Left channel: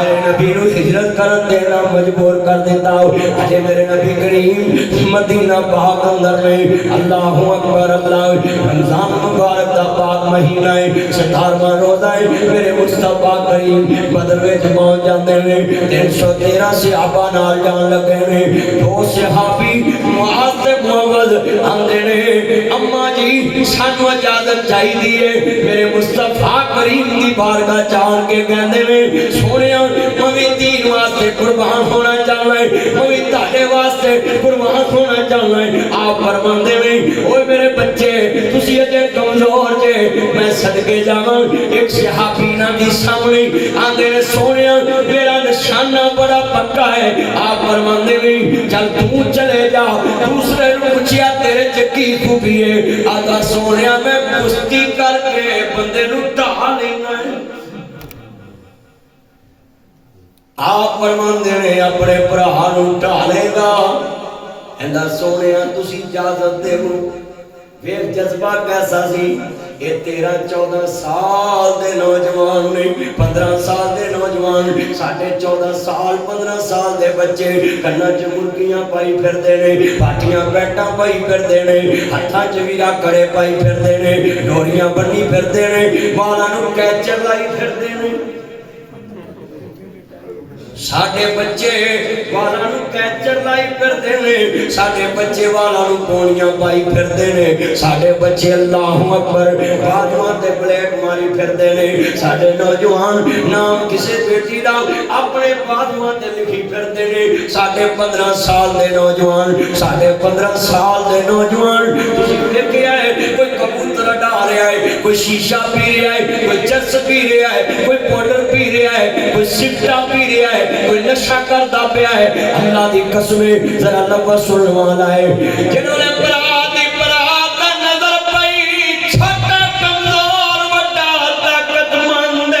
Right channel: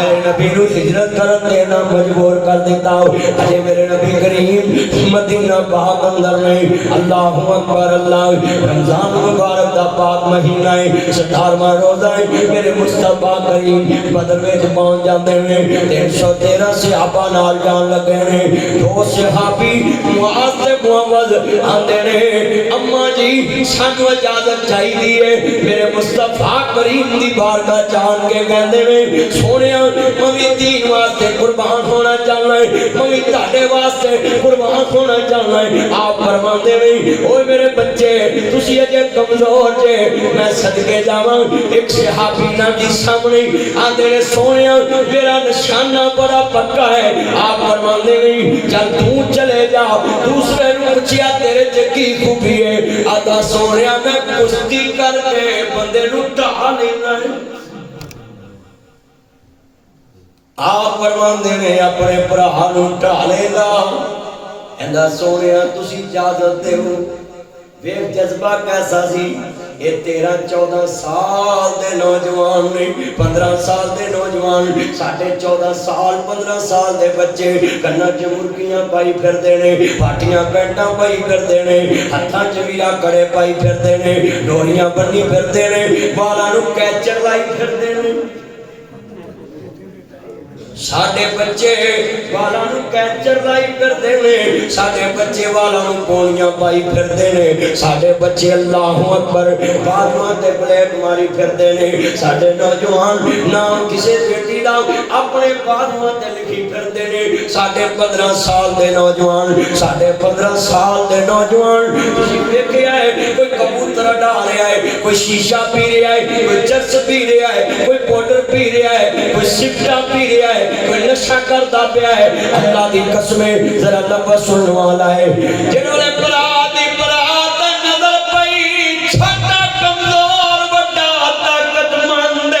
میرے نبی نو ہجرت کرن دینا مجبور کر دیتا اجے میرے نبی کریم مدینہ پاک اندر نہیں اللہ اکبر اللہ رمضان مبارک دا پاک مہینہ ہے 17واں روزہ ہے میرے مصطفیٰ کریم بدر وچ پہنچ جاندے ہیں 313 صحابہ نال جان لگے نے دو صحابی معاذ تے معوذ آندے نے اما جی سانو اجازت چاہیے ہے میرے مصطفیٰ کریم دی بارگاہ جان کے کہندے نے سونیا میں دین واسطے قربان ہونا چاہنا ہے میں تہاڈے واسطے قربان ہونا چاہنا ہے آپ فرماندے نے اوے میرے بچے تسی اجے کمزور جے میں صدقے جاواں ایک صحابی نا دی سامنے آندے نے سونیا میرا نشانہ بڑا پکا ہے آپ فرماندے نے چل تو چلے جا دوسرے نو پوچھیا تیرے چ کی خوبی ہے آدا سونیا میں کشتی کر کے بندے نو ڈھا لینا ہے آپ فرماندے نے اپنے بھرا نو ڈھالے گا ایندا سونیا تسی اجازت دیو ویکھ جذبہ کیسا سی یہ 13-14 سال دے نوجوان نے 15 سال دے نوجوان 14.5 سال 15 سال دے بچے کناں چ مرغیاں پائی پھردے نے پاٹیاں بیٹاں پائی پھردے نے ہتھاں چ ویرا کڑے پائی پھردے نے ڈوریاں بنی پھردے نے بالاں نو کیچر لائی پھردے نے ساڈے بچے والاں نو کیچر لائی پھردے نے ساڈے بچے والاں نو پونیاں پائی پھردے نے ساڈے بچے اللہ اکبر بازواں تے پلیٹ ماری پھردے نے ساڈے نوجوان نام کسے بیٹی دا اپنے بازواں تے لکھی پھردے نے ساڈے 15 سال دے نوجوان ساڈے 15 سال دے نوجوان تسی ویکھیا ہے کوئی کبوتر ڈا رہا ہے کوئی شیشہ پی رہا ہے کوئی چرس پی رہا ہے کوئی پاؤڈر پی رہا ہے کوئی سگٹا پی رہا ہے کوئی نشہ کرتا پیا ہے اللہ دی قسمیں ذرا لفظ سننے والا ہے جنہوں نے برادی برات نظر پئی چھوٹا کمزور بڑا طاقت مند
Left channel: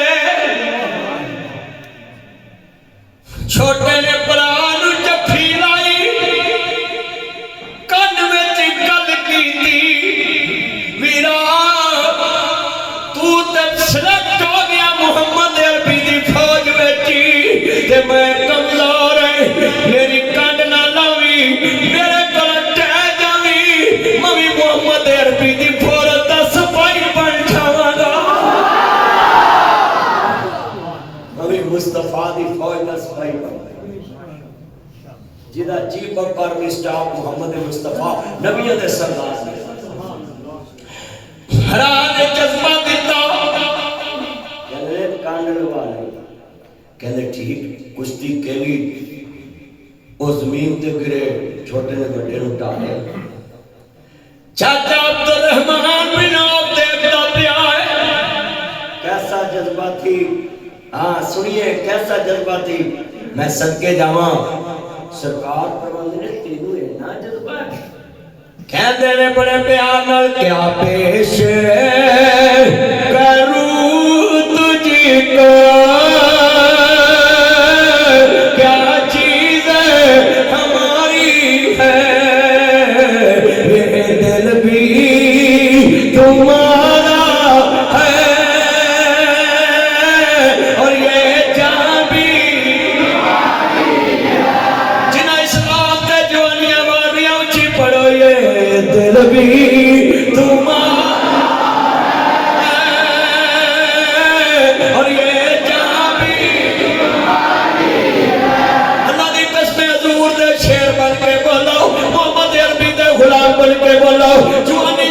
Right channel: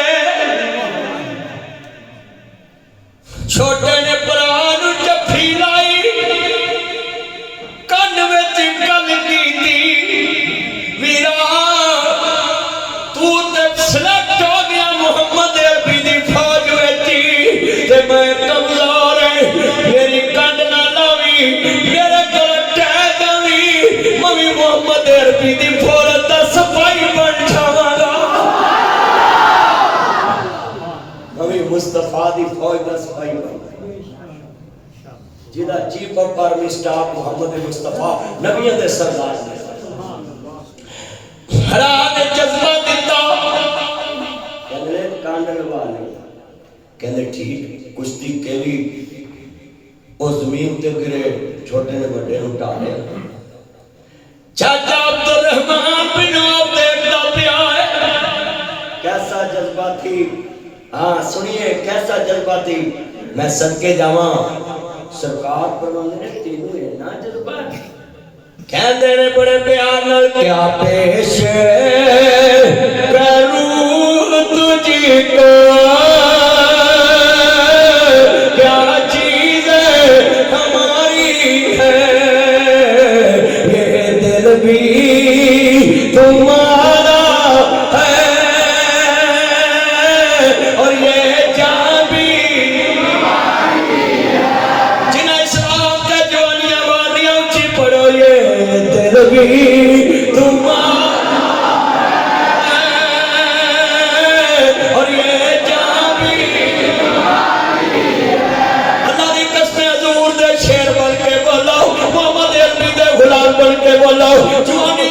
چھوٹے نے بران جفی لائی کن وچ گل کیتی ویرا تو تے سلیکٹ ہو گیا محمد عربی دی فوج وچ تے میں کمزور ہے میری کنڈ نہ لاوی میرے کول ٹہ جاوی میں محمد عربی دی فوج دا سپاہی بن جاواں گا میں مصطفیٰ دی فوج دا سپاہی بن جدا چیف آف آرمی سٹاف محمد مصطفیٰ نبیوں دے سردار نے ہرا نے جذبہ دیتا کہندے کانڈ لوا لے کہندے ٹھیک کشتی کیلی او زمین تے گرے چھوٹے نے بڑے نو ٹالے چاچا عبدالرحمن بن عوف دیکھتا پیا ہے کیسا جذبہ تھی ہاں سنیے کیسا جذبہ تھی میں صدقے جاواں سرکار فرماندے نے تینوں اتنا جذبہ ہے کہندے نے بڑے پیار نال کیا پیش کروں تجھ کو تمہارا ہے اور یہ جان بھی جنہ اسلام کے جوانیاں وادیاں اونچی پڑھو یہ دل بھی تمہارا ہے اور یہ جان بھی اللہ دی قسم حضور دے شیر بن کے بولو محمد عربی دے غلام بن کے بولو جوانی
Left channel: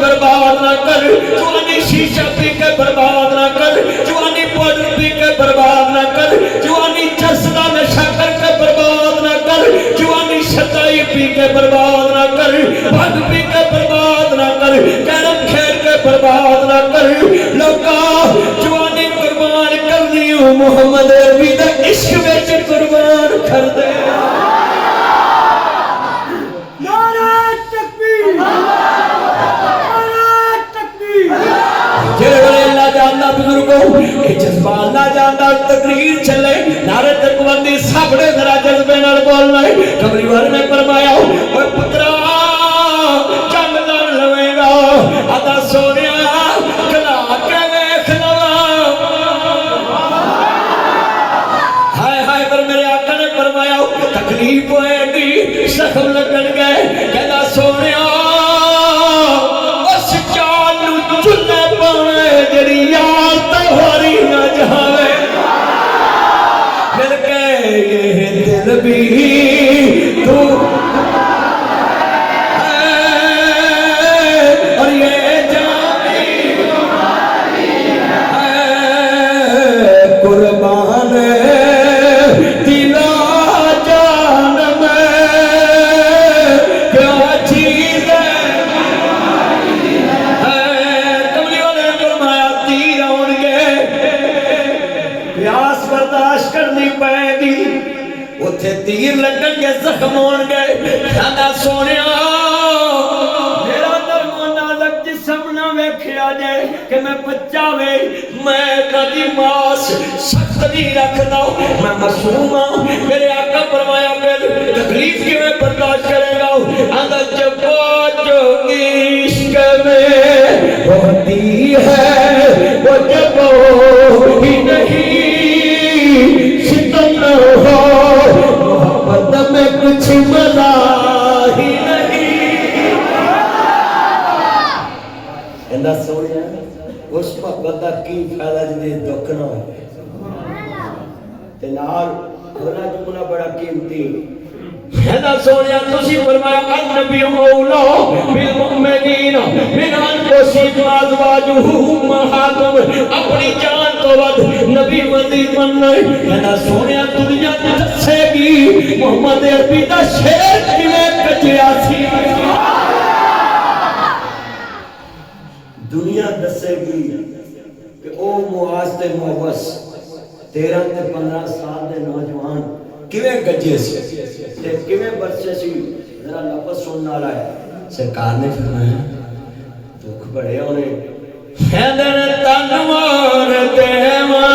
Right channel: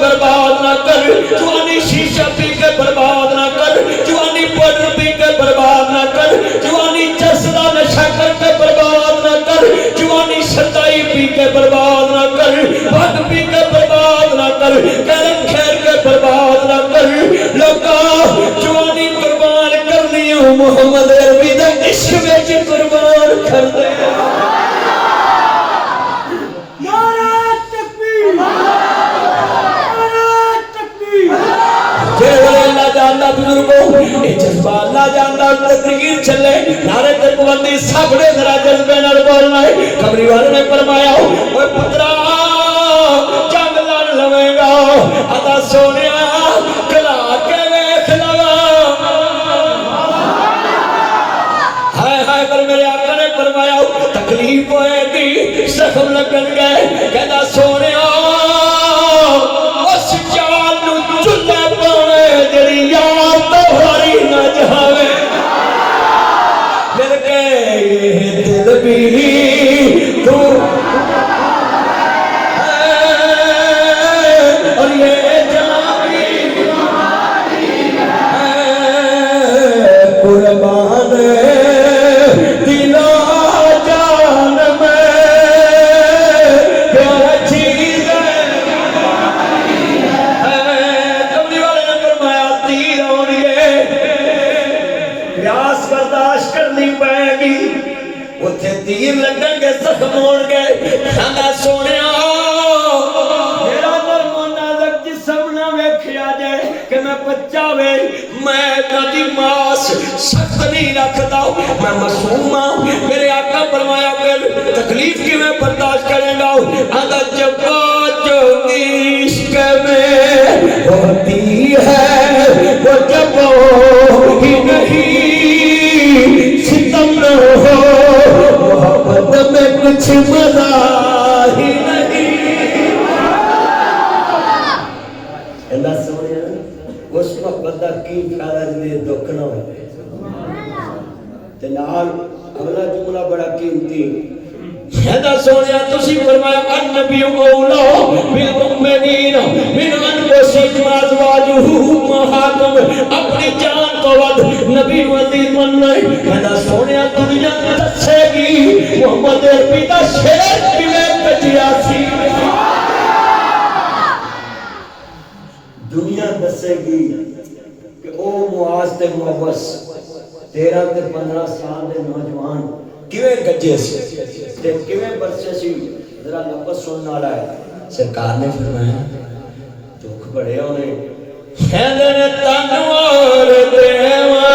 برباد نہ کر جوانی شیشہ پی کے برباد نہ کر جوانی پاؤڈر پی کے برباد نہ کر جوانی چرسا نشہ کر کے برباد نہ کر جوانی شتائی پی کے برباد نہ کر بھنگ پی کے برباد نہ کر کلم کھیل کے برباد نہ کر لوکا جوانی قربان کرنی ہوں محمد عربی دے عشق وچ قربان کر دے جذبہ اللہ جاندا تقریر چلے نعرے تکبیری سب نے ذرا جذبے نال بولنا ہے قمری والے نے فرمایا اوے پترا جنگ لڑ لوے گا ادا سونیا کلا کے ویکھ لوا ہائے ہائے پر میرے آقا نے فرمایا تکلیف ہوئے گی زخم لگن گئے کہنا سونیا اس جان نو چلے پاوے جڑی یار تہاری نہ جاوے مل کے یہ دل بھی تو اور یہ جان بھی قربان دلا جان میں کیا چیز کملی والے نے فرمایا تیر آن گے پیاس برداشت کرنی پائے گی اتھے تیر لگن گے زخم ہون گے کہنا سونیا میرا نرم و نازک جسم نہ ویکھیا جائے کہ میں بچہ وے میں کبھی ماس سخت نہیں رکھتا میں معصوم ہوں میرے آقا فرمایا پھر تکلیف کی میں برداشت کریں گا آدھا جفا جو عشق میں ہوتی ہے وہ جب ہی نہیں ستم نہ ہو محبت میں کچھ مزہ ہی نہیں اللہ سوڑیا اس محبت کا کی فائدہ جنہیں دکھ نہ ہو تنال کھولا جملہ بڑا قیمتی اللہ سوڑیا تسی فرمایا النبی اولا بالمؤمنین من انفسہم ازواجہ امہاتہم اپنی جان تو ود نبی عزیز مننے اللہ سوڑیا دنیا دسے گی محمد عربی دا شیر کیویں کٹیا سی دنیا دسے گی کہ او معاذ تے محبس 13 تے 15 سال دے نوجوان کیویں گجے سی تے کیویں برسے سی ذرا لفظ سننا والا ہے سرکار نے فرمایا دکھ بڑے ہونے کہندے تنوار دیوا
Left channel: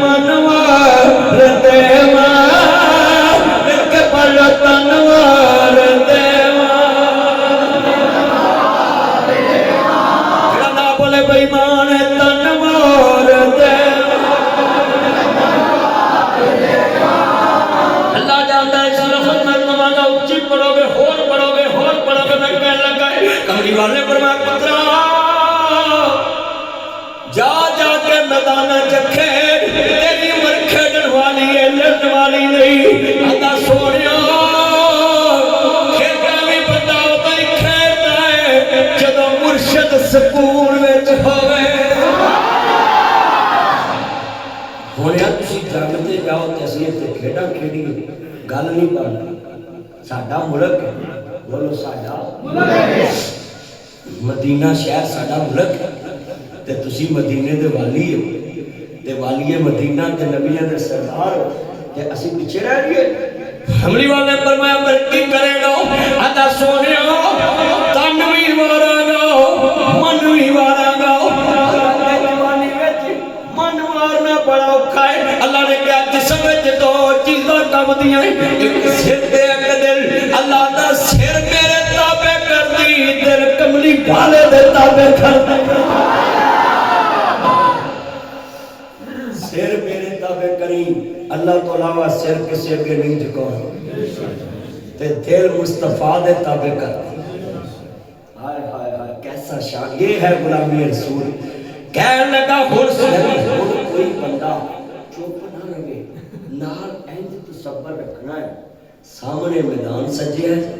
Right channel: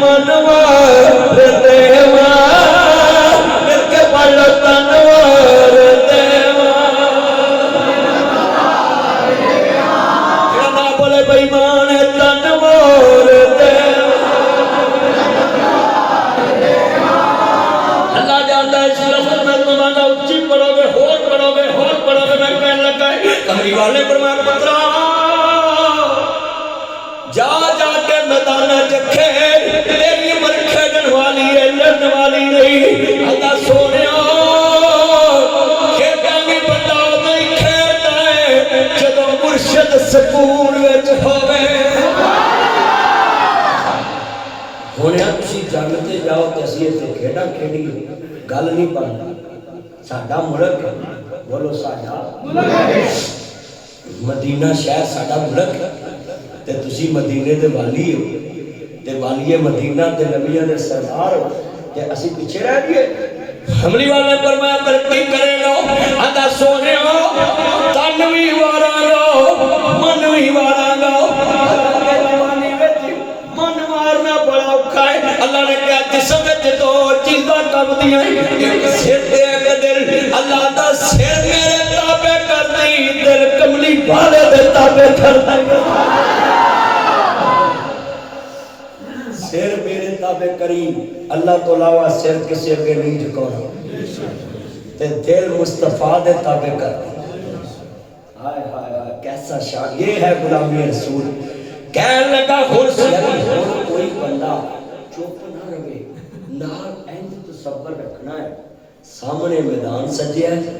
منوار دیوا ایک بڑا تنوار دیوا کہنا بولے بھائی مان تنوار دیوا اللہ جانتا ہے اس لفظ میں تمہارا اچھی پڑھو گے ہور پڑھو گے میں کہنے لگا ہے کملی والے پر میں پترا جا جا کے میدانہ چکھے تیری عمر کھیڑن والی ہے لڑن والی نہیں اللہ سونیا کھیڑا بھی بندہ ہوتا ہی کھیڑتا ہے جدو مرشد سکون وچ ہوئے ہونے تسی جانتے جاؤ تحصیل سے کھیڑا کھیڑی گل نہیں بنتا ساڈا ملک ہے بولو ساڈا مدینہ شہر ساڈا ملک ہے تے تسی مدینے دے والی ہو تے والی مدینہ تے نبیوں دے سردار ہو تے اسی پیچھے رہ گئے حملی والے پر میں ترقی کرے گا ادا سونے تن بھی وارا گا من بھی وارا گا جوانی وچ من مارنا بڑا اوکھا ہے اللہ نے کہا جسم وچ دو چیزاں کم دیاں ایک سر تے ایک دل اللہ دا سر میرے تابع کر دی دل کملی والے دے تابع کر دی سر میرے تابع کریم اللہ تو علاوہ سر کسی اگے نہیں جھکانا تے دل مصطفیٰ دے تابع کر ہائے ہائے ہائے کیسا شان یہ ہے غلامی رسول کہنے لگا کوئی بندہ چپ نہ رہے نال اینج تصور رکھنا ہے سامنے میدان سجیا ہے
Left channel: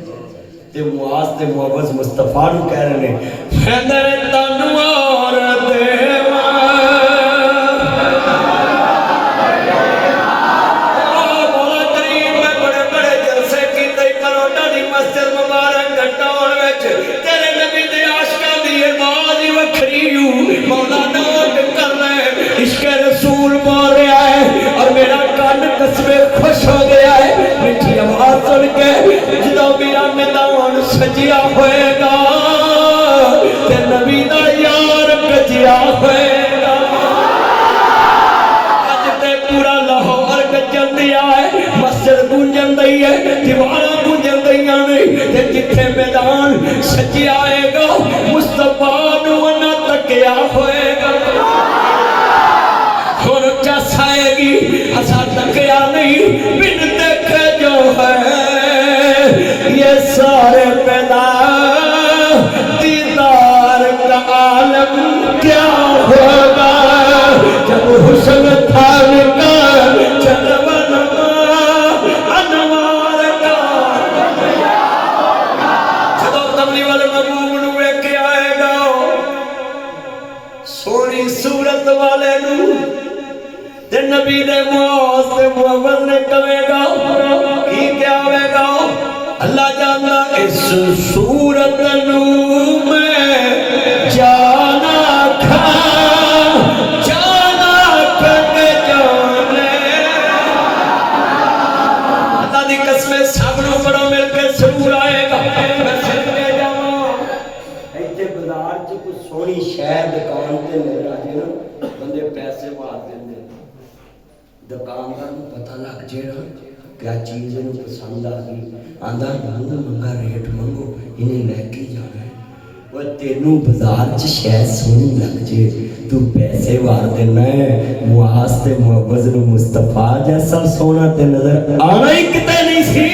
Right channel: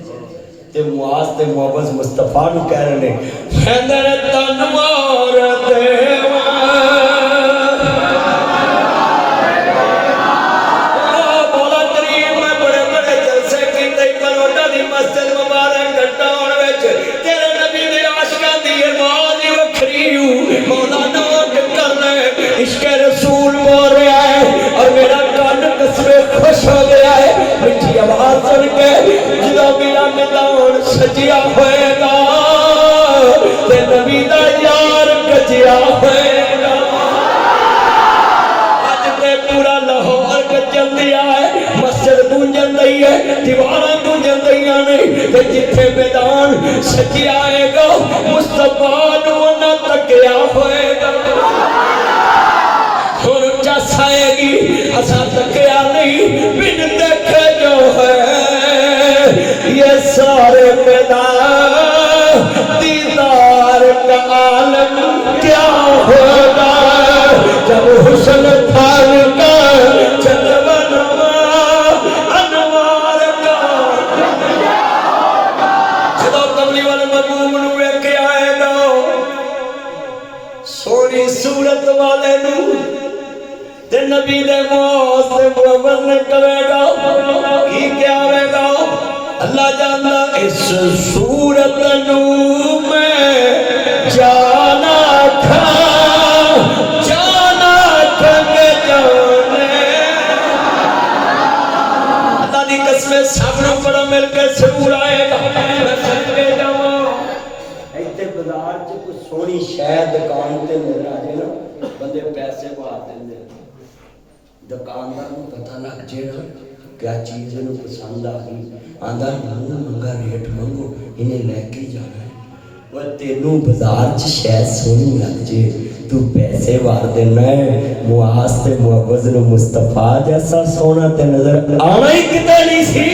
تے معاذ تے معوذ مصطفیٰ نو کہہ رہے ہیں حیدر تنوار دیوا سجیا ہوئے گا تے نبی دا یار کجیا ہوئے گا اج تے پورا لاہور گجن دیا ہے مسجد گونجن دئی ہے دیواراں گونجن دیاں نہیں تے جتھے میدان سجیا آئے گا مصطفیٰ نو نہ تکیا ہوئے گا ہن چسائے پیدا دیدار کا عالم کیا ہوگا جب حسن تھال کا جلوہ انوار کا جدو کملی والے محبوب نو ویکھ کے آئے گا سونی صورت والے نو تے نبی دے معاذ تے محمد نے کہے گا کی کیا ہوے گا اللہ جاندا اس صورت نو میں جانا کھا جانا کھے جانے اللہ دی قسم سب نو بڑا مل کے سرور آئے گا میں سن کے جاواں ایتھے بازار چ کوئی سونی شے دکان تے نظر آ جائے نا بندے پیسے پا دیندے دکاندار کو پتہ لگ جائے نا کیا چیز انہوں پسند آ گئی آندھا منگا ریٹ منگو انہیں لے کے جانا ہے وہ تینوں بازار چ شاید سونی لگ جائے تو پیسے وار دینا ہے معاذ تے معوذ نو مصطفیٰ جیسا سونا تے نظر آنا ہی کتے نہیں سی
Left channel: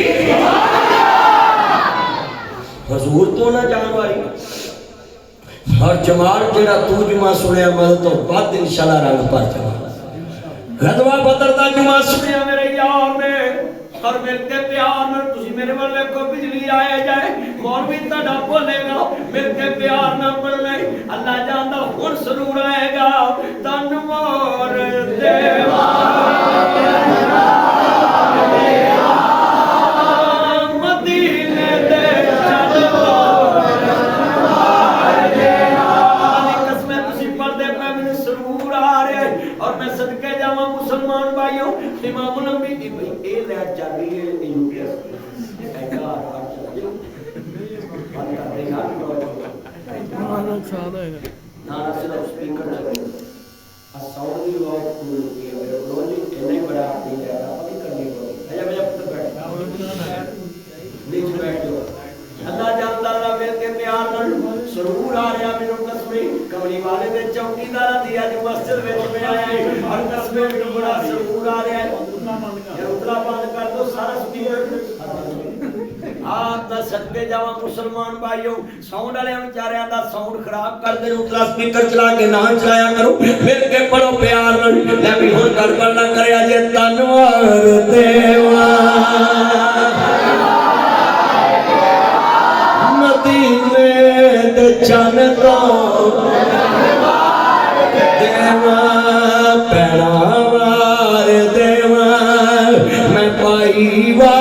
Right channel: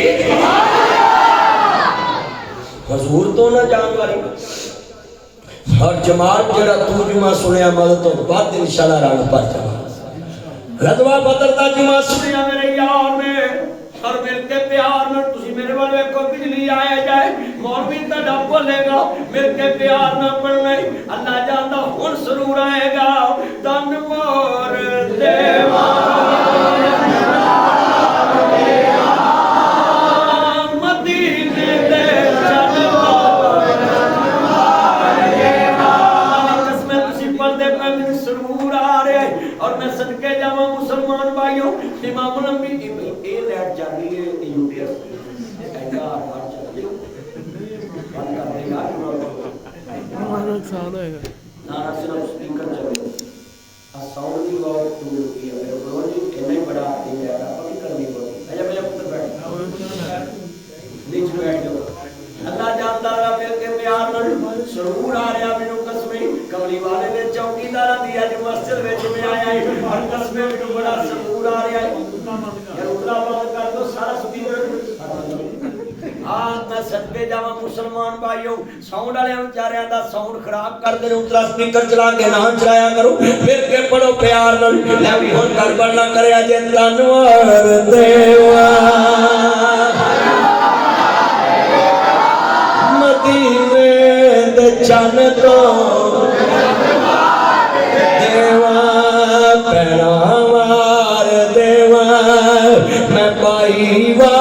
حضور تو نہ جان والی اور جمال جڑا تو جمعہ سنیا مدد تو بعد انشاءاللہ رنگ پر جمال غزوہ بدر دا جمعہ سنیا میرے یار میں اور مل کے پیار میں تسی میرے والے کو بجلی آئے جائے مولوی تڑا بولے گا مل کے پیار نہ پڑھنے اللہ جاندا ہن سرور آئے گا تنوار دیوان مدینے دے سرور آ رہا ہے اور میں صدقے جاواں مسلمان بھائیوں امام الانبیاء بھائی اے لائٹ چل رہی ہے یوٹیوب ایڈا ہار چل رہی ہے بند کر دے یار ہمارا سال ہے نا صرف سپیکر چل رہے ساؤنڈ دی آواز ٹول ہوئی ہے میرے کو جی اتنا ہی بڑا آپ ہے آپ کی کرنی پڑی اجا میں پتر بیٹھ نیچے بیٹھ جاؤ اللہ جاندا اللہ مل کے پیار نال سرور آ رہا مینوں قسمیں کملی والے دے چوکیدار دی اج مسجد وچ میں آیا ہے اور قسمیں مینوں بڑا سرور آ رہا ہے یار اتلا بند کر دو سارا سپیکر تا صدقے جاواں مسلمان بھائیو ساؤنڈ والے بیچاریاں دا ساؤنڈ خراب کر دے اتلا سپیکر چلا کے نہ چلایا کرو مل کے پڑھو پیار نال لے بھی ہن گڑبڑ نہ کریا جے تنوار دیوان مدینے دے چن تو دیوان پیڑا وار دیوان میں پائی وار